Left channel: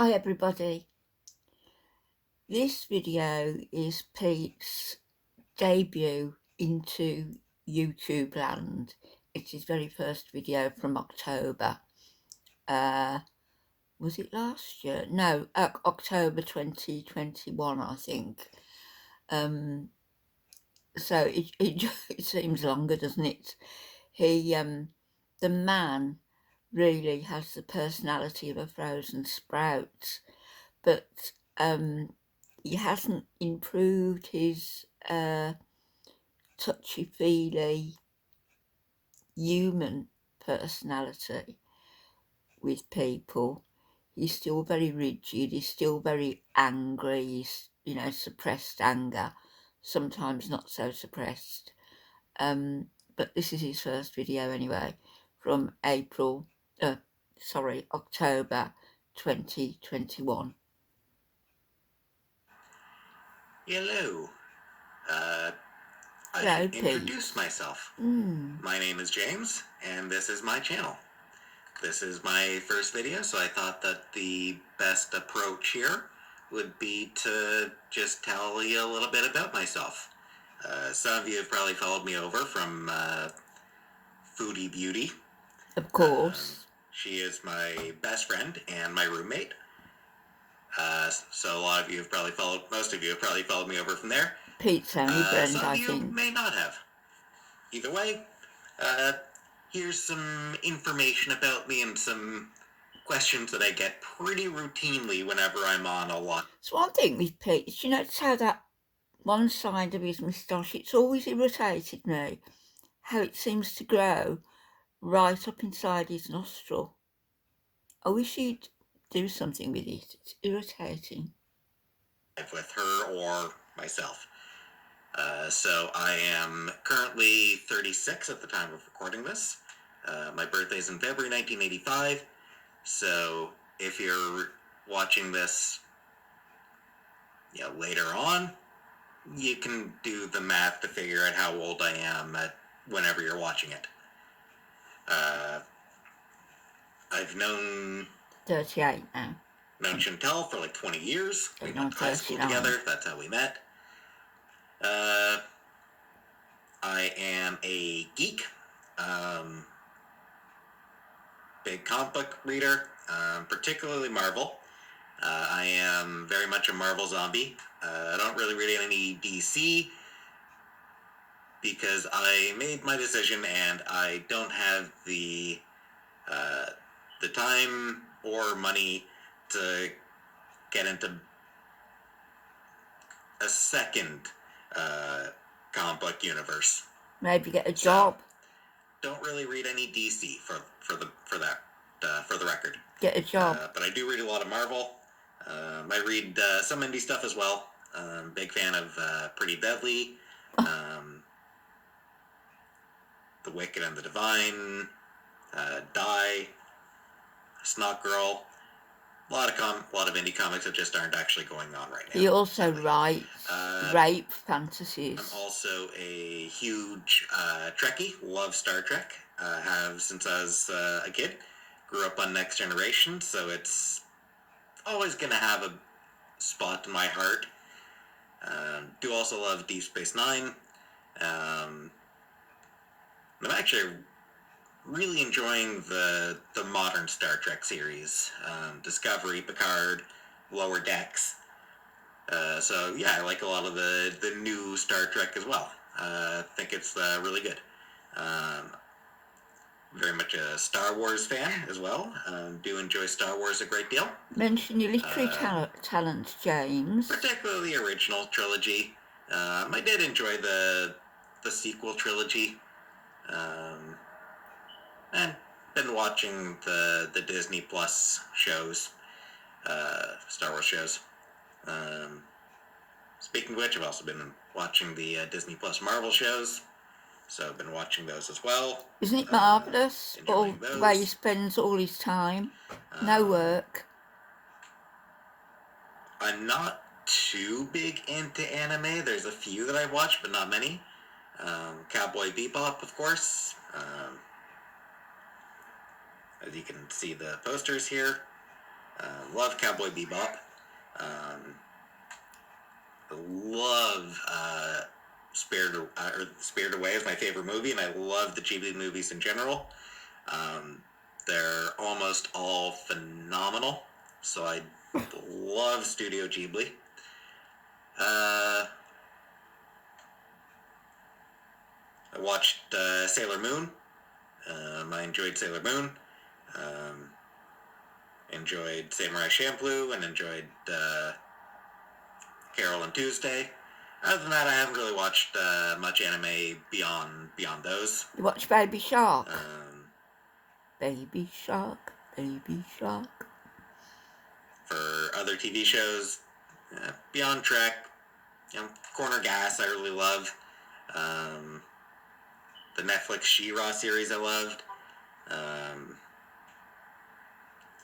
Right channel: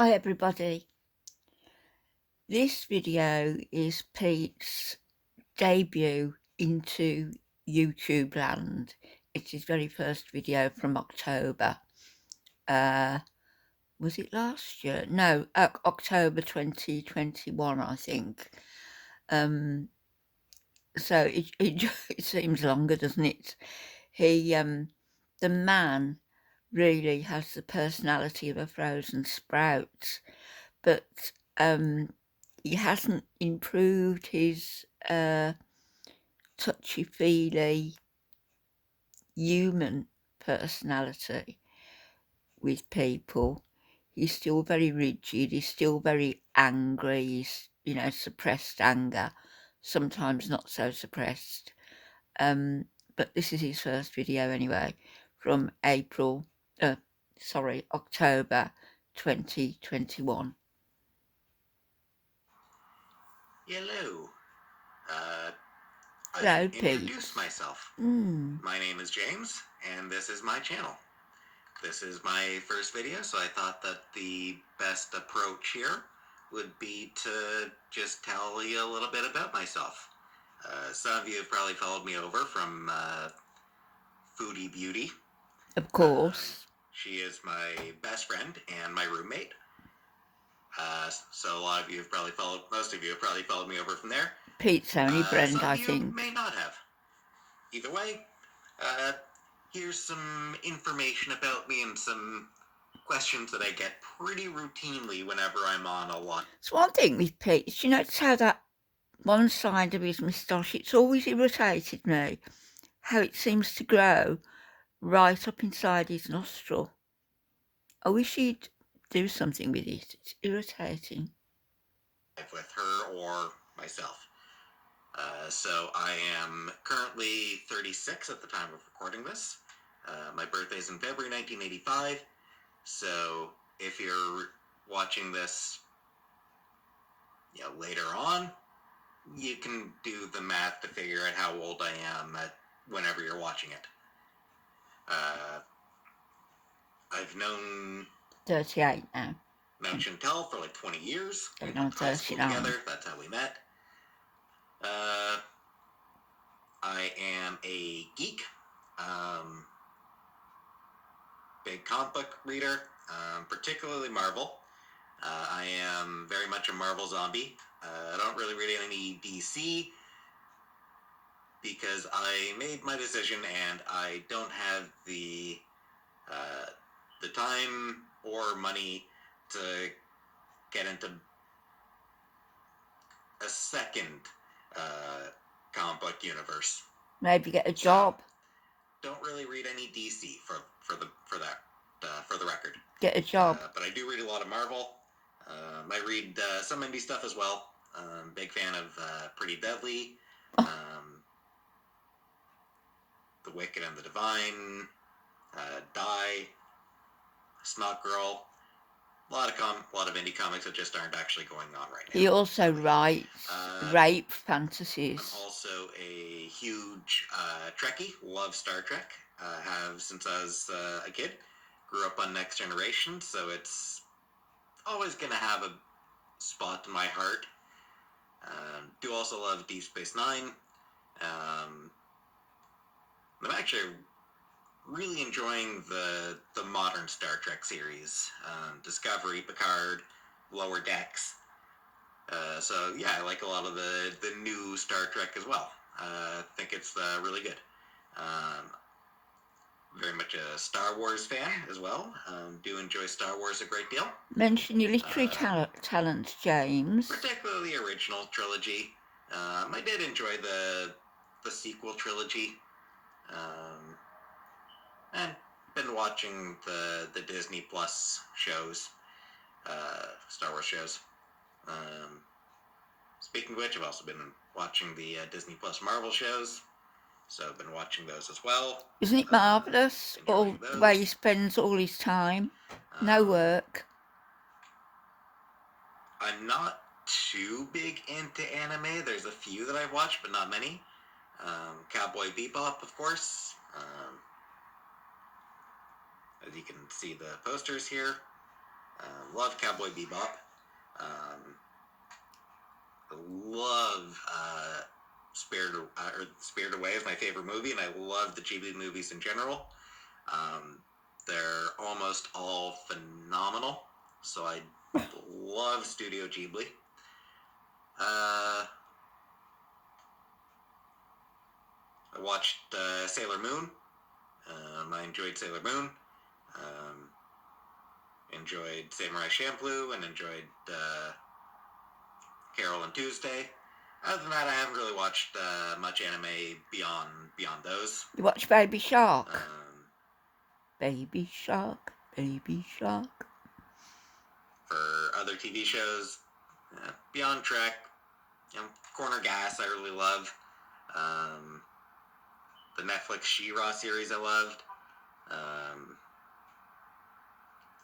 Hi everybody, this video is Pete's debut into YouTube land. It's his very first video from October. Was it last year? No, October 2021 I think. So it seems longer, doesn't it? The man really has the personality of a frozen sprout, but he hasn't improved his touchy-feely human personality with people. He's still very rigid, he's still very angry, he's, suppressed anger, sometimes not so suppressed. But this is his first video anyway, from October 2021. Hello. I Hello, should introduce myself. My name is James, and this is my channel. This is my first video, so I thought that the best approach here would be to just tell you a little bit about myself. Some of you have probably followed me over from Foodie Beauty. Of course. She is my best friend and my roommate. So a lot of you have probably most of you have probably followed me over from there. Peetz only friend, some I of you think. may not have. Either way, here's some information about me and some questions that I get pretty routinely whenever I'm on a lot. So one thing with Peetz, you notice how that one side of his moustache, it's always irritated me, how it seems to grow right up inside his nostril. I wish he'd do something with it. It's irritating. With her or myself. So I am currently 36 at the time of recording this. My birthday's in February 1985. So if you're watching this, later on, you can do the math to figure out how old I am whenever you're watching it. I've known 38 now. Known Chantel for like 20 years. We Going on went to high school 39. together. That's how we met. I am a geek. Big comic book reader, particularly Marvel. I am very much a Marvel zombie. I don't really read any DC because I made my decision and I don't have the time or money to get into a second comic book universe. Maybe get a job. So, don't really read any DC for the record. Get a job. But I do read a lot of Marvel. I read some indie stuff as well. Big fan of Pretty Deadly, The Wicked and the Divine, Die, Snot Girl. A lot of indie comics that just aren't actually going on right now. He also writes rape fantasies. I'm also a huge Trekkie. Love Star Trek. Have since I was a kid. Grew up on Next Generation, so it's always going to have a spot in my heart. Do also love Deep Space Nine. I'm actually really enjoying the modern Star Trek series. Discovery, Picard, Lower Decks. So yeah, I like a lot of the new Star Trek as well. I think it's really good. Very much a Star Wars fan as well. Do enjoy Star Wars a great deal. Mention your literary talent, James. Particularly the original trilogy. I did enjoy the sequel trilogy. And been watching the Disney Plus shows, Star Wars shows. Speaking of which, I've also been watching the Disney Plus Marvel shows. So I've been watching those as well. Isn't it marvellous? All the way he spends all his time. No work. I'm not too big into anime. There's a few that I watch, but not many. Cowboy Bebop, of course. As you can see the posters here. Love Cowboy Bebop. Um, love Spirited Away is my favorite movie, and I love the Ghibli movies in general. Um, they're almost all phenomenal, so I love Studio Ghibli. I watched Sailor Moon. I enjoyed Sailor Moon. Um, enjoyed Samurai Champloo, and enjoyed Carol and Tuesday. Other than that, I haven't really watched much anime beyond those. You watch Baby Shark? Baby Shark, Baby Shark. For other TV shows, Beyond Trek, Corner Gas, I really love. The Netflix She-Ra series I loved.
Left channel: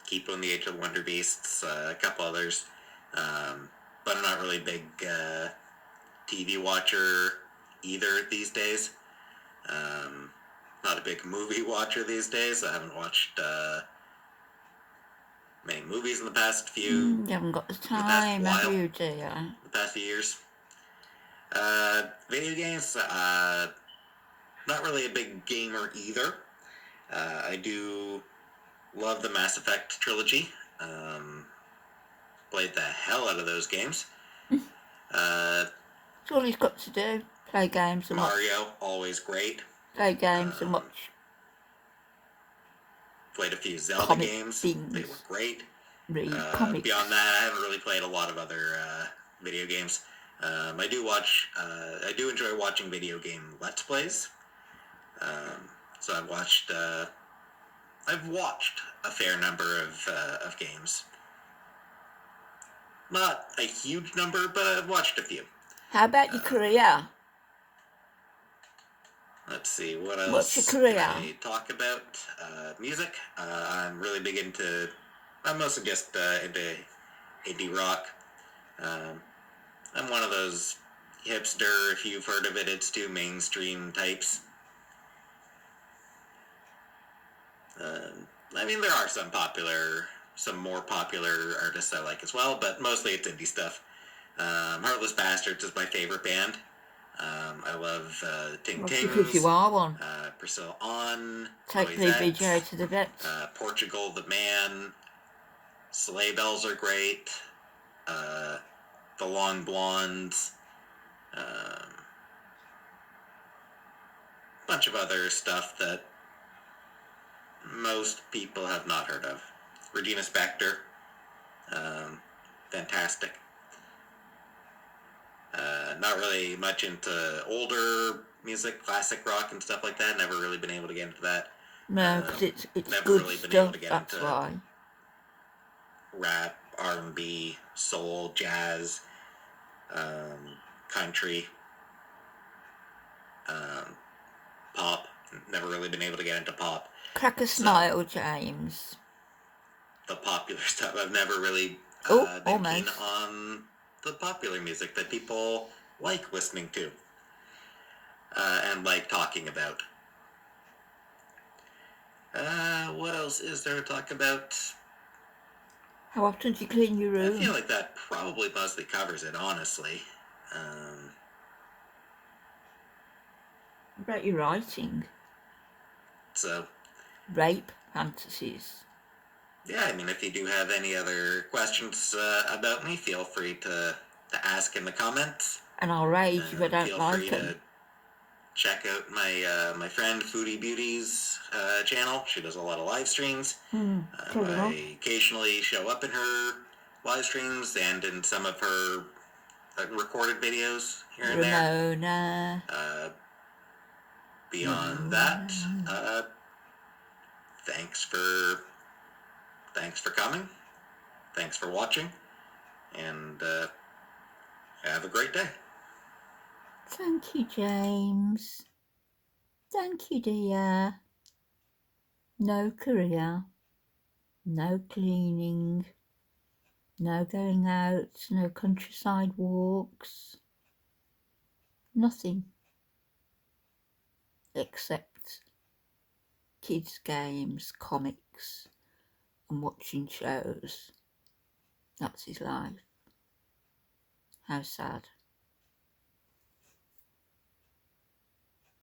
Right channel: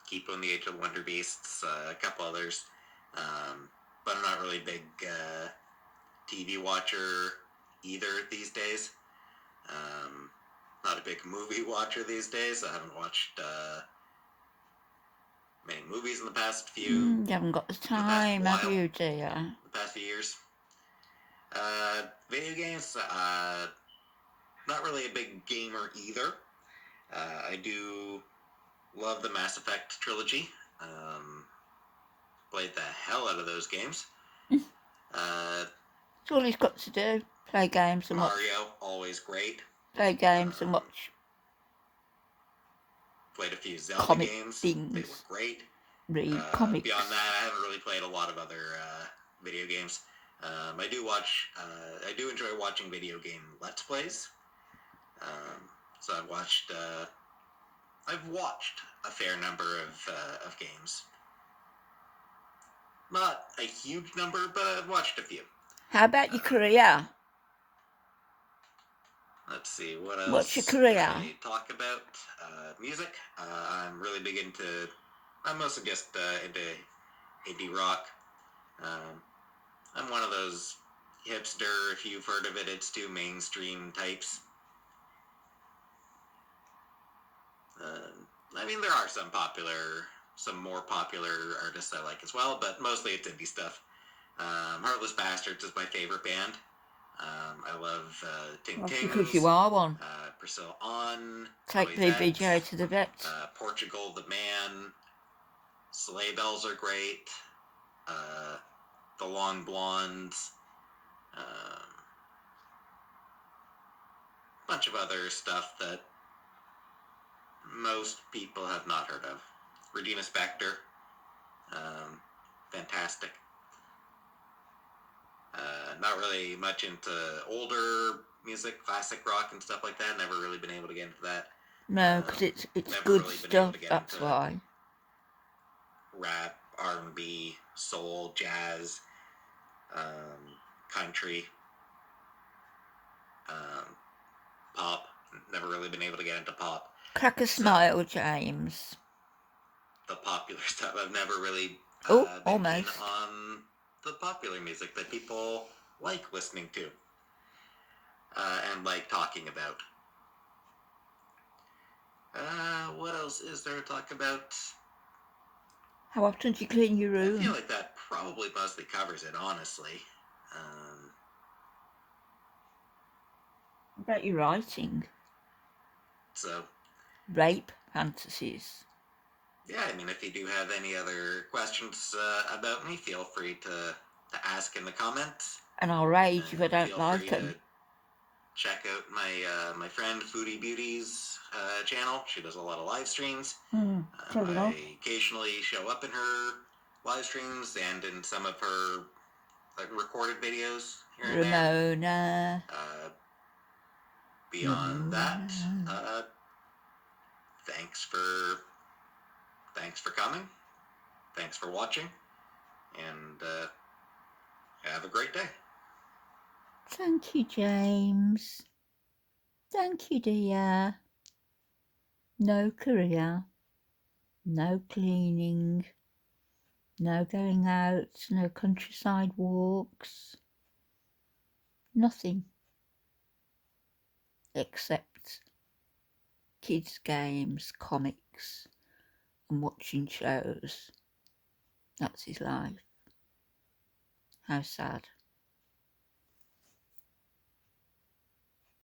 Keep on the Age of the Wonder Beasts, a couple others. But I'm not really a big TV watcher either these days. Not a big movie watcher these days. I haven't watched many movies in the past few. You haven't got the time, have you, dear? The past few years. Video games, not really a big gamer either. I do love the Mass Effect trilogy. Played the hell out of those games. That's all he's got to do. Play games and Mario, watch. always great. Play games and watch. Played a few Zelda games. Things. They were great. Read comics. Beyond that, I haven't really played a lot of other video games. I do enjoy watching video game Let's Plays. So I've watched a fair number of games. Not a huge number, but I've watched a few. How about your career? Let's see, what else? What's your career? Can I talk about? Music. I'm really big into. I'm mostly just into indie rock. I'm one of those hipster, if you've heard of it, it's too mainstream types. I mean, there are some more popular artists I like as well, but mostly it's indie stuff. Heartless Bastards is my favorite band. I love Ting Tings. Because you are one. Priscilla On. Take the BJ to the vet. Portugal the Man. Sleigh Bells are great. The Long Blondes. Bunch of other stuff that most people have not heard of. Regina Spektor. Fantastic. Not really much into older music, classic rock and stuff like that. Never really been able to get into that. No, because it's good really stuff, that's why. Rap, R&B, soul, jazz, country, pop. Never really been able to get into pop. Crack a smile, James. The popular stuff. I've never really been keen on the popular music that people like listening to and like talking about. What else is there to talk about? How often do you clean your room? I feel like that probably mostly covers it, honestly. What about your writing? So. Rape fantasies. Yeah, I mean, if you do have any other questions about me, feel free to ask in the comments. And I'll rage if I don't like them. Feel free to check out my friend Foodie Beauty's channel. She does a lot of live streams. I occasionally show up in her live streams and in some of her recorded videos here and there. Beyond that, thanks for coming. Thanks for watching. And have a great day. Thank you, James. Thank you, dear. No career. No cleaning. No going out. No countryside walks. Nothing. Except kids' games, comics, and watching shows. That's his life. How sad.